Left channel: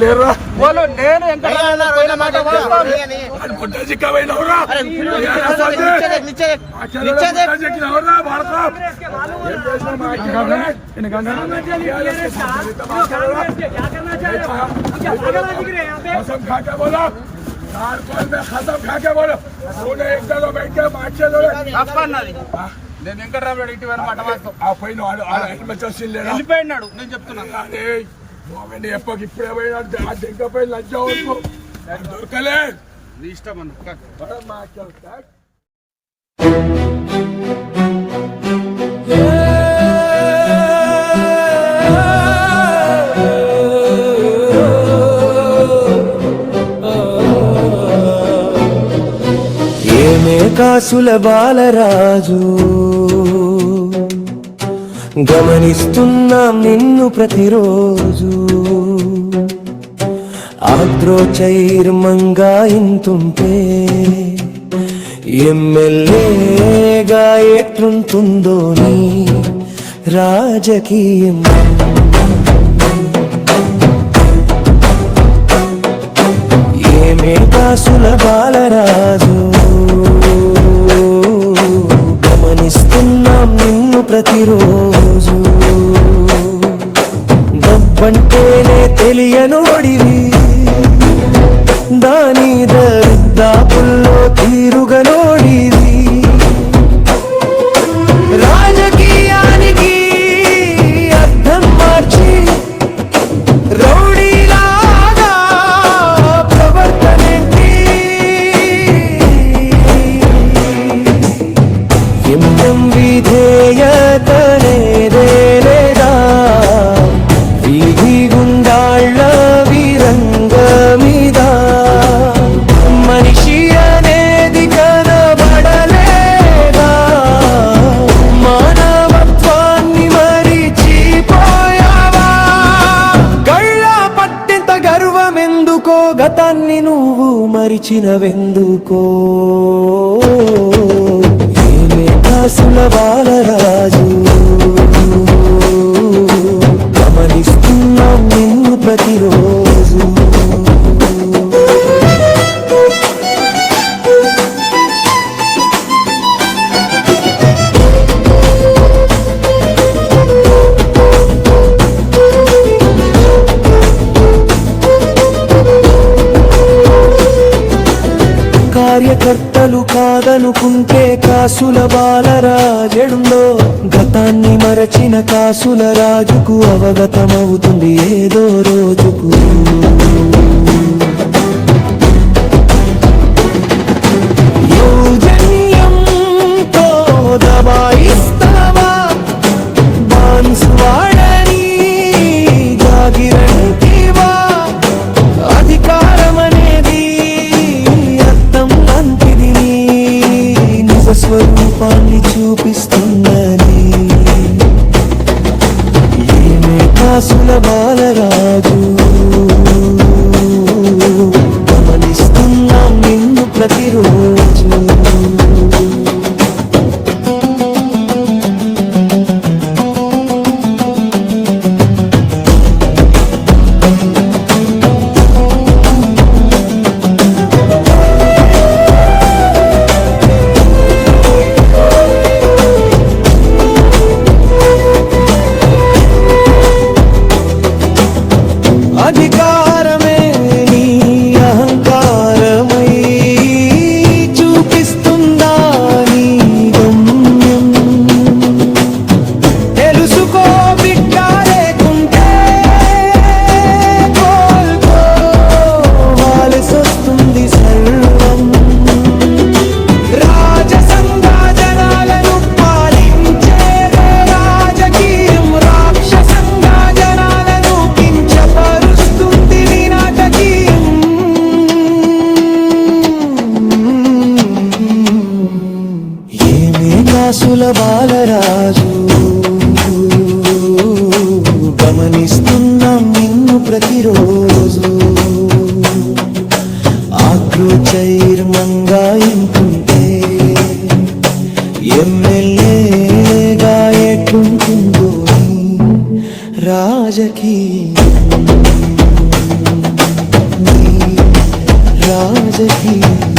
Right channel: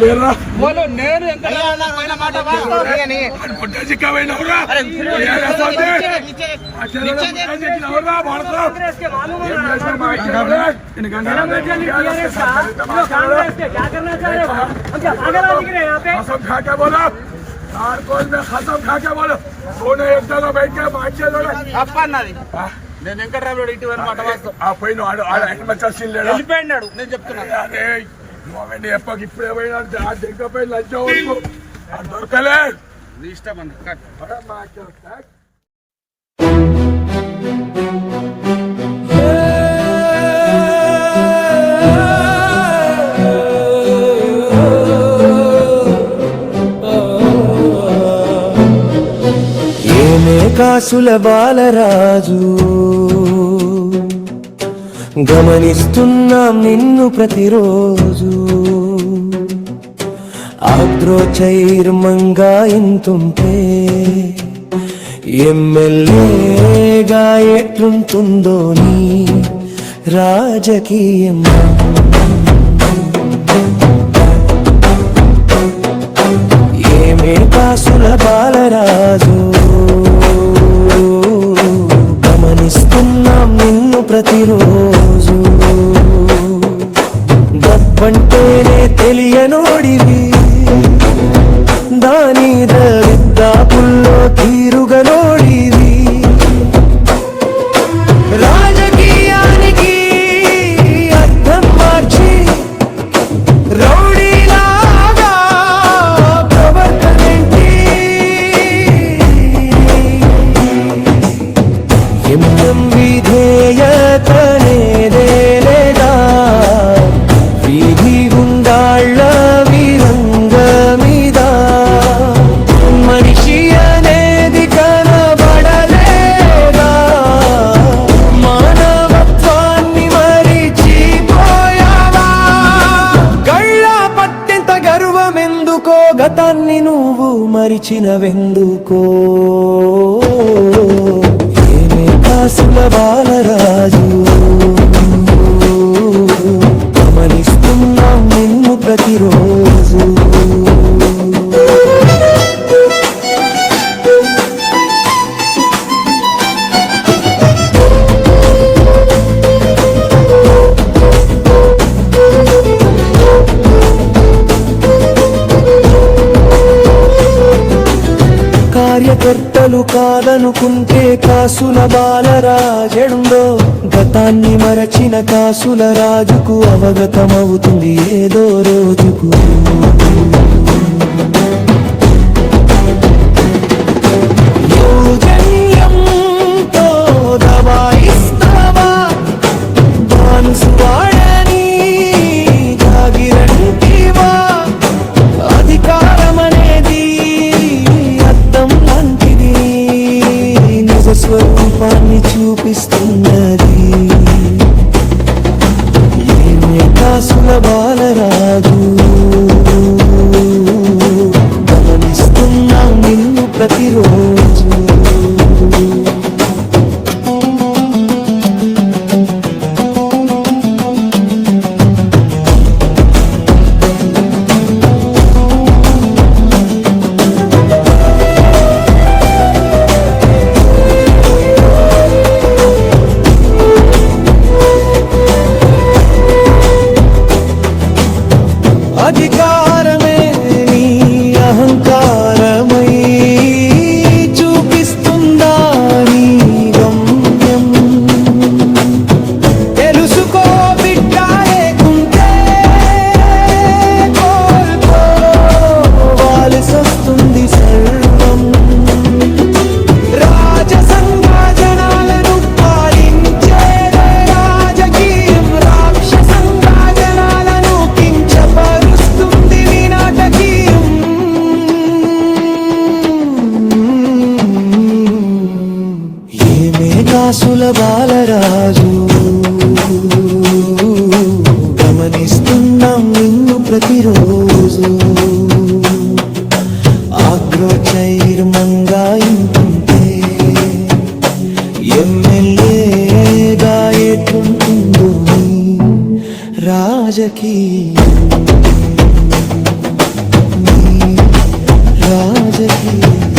లేరా వాళ్ళు నేను ఎంత పోయిన మాట వాస్తవం అని. వాడు పుట్ట చిక్కమైనవురా ఏరా సోది? ఆ చెల్లెలు పుట్ట చిక్కినవురా భారతం? ఏం చేసినావు మా చెల్లెలు? ఇన్ని గంటలు టీఆర్ఎస్ के साथ मिलकर बात कर रहा है। कसम खा के बोलो कारकोल में कसम खा के बोलो सोने एक जगह बैठ के बात चलो తప్ప అన్నది నేను వెంకటరామరెడ్డి ఇటు పోయిన మాట వాస్తవం ఆ పైన ఆడ ఆడ హెల్మెట్ వచ్చింది లేడా వెళ్ళిపోయినాడు నేను చెప్తున్నా అరే నువ్వండి ఎప్పకి ఇప్పుడే పోయినా ఆ దగ్గర పోయి లంచ్ అది దొరకలే. నీ ఇష్టం అన్న. ఏమే కాసుల బాలరాజు? గమనిస్తున్నాం నిన్ను ప్రతిరోజు. ఆద్రోచైర్మంగా ఇంతుంటే ఎమ్మెల్యేగా ఎట్లుంటుందో నీ రాజకీయం. ఏమే కాసుల బాలరాజు గమనిస్తున్నాం నిన్ను ప్రతిరోజు. డబ్బంటేనే తెలియనోడివి. దాని దరిద్దాపుల్లో తీరుగనోడివి. రాజకీయానికి అర్థం మార్చి రౌడీ విధేయతనేదే లేదా వీధి గుండాళ్ళ విరంగమిద? మనిషి అనేది కనబడలేదా? మానవత్వాన్ని మరిచిపోయావా? గళ్ళ పట్టింత గర్వమెందుకో? గతాన్ని నువ్వు మరిచినవెందుకో? సులభాల రాజు కార్యకర్తలు కాదనుకుంటే కాసుల బాలరాజెడుండో గతాన్ని మరచిన కాసుల రాజుకు అవగతమవుతుంది ఏదో రోజుకు. స్వరూపాన్ని చూపిస్తున్నది. ఏమే కాసుల బాలరాజు. గమనిస్తున్నాం నిన్ను ప్రతిరోజు. అధికారమే నీ అహంకారమై చూపిస్తుందా నీ గమ్యం? తెలుసుకో బిడ్డ లేకుంటే కోల్పోవాల్సి వస్తుంది సర్ కాసుల బాలరాజు. గమనిస్తున్నాం నిన్ను ప్రతిరోజు. ఆగ్రోచైర్మంగా ఇంటుంటే ఎమ్మెల్యేగా ఎట్లుంటుందో నీ రాజకీయం. రాజకీయం.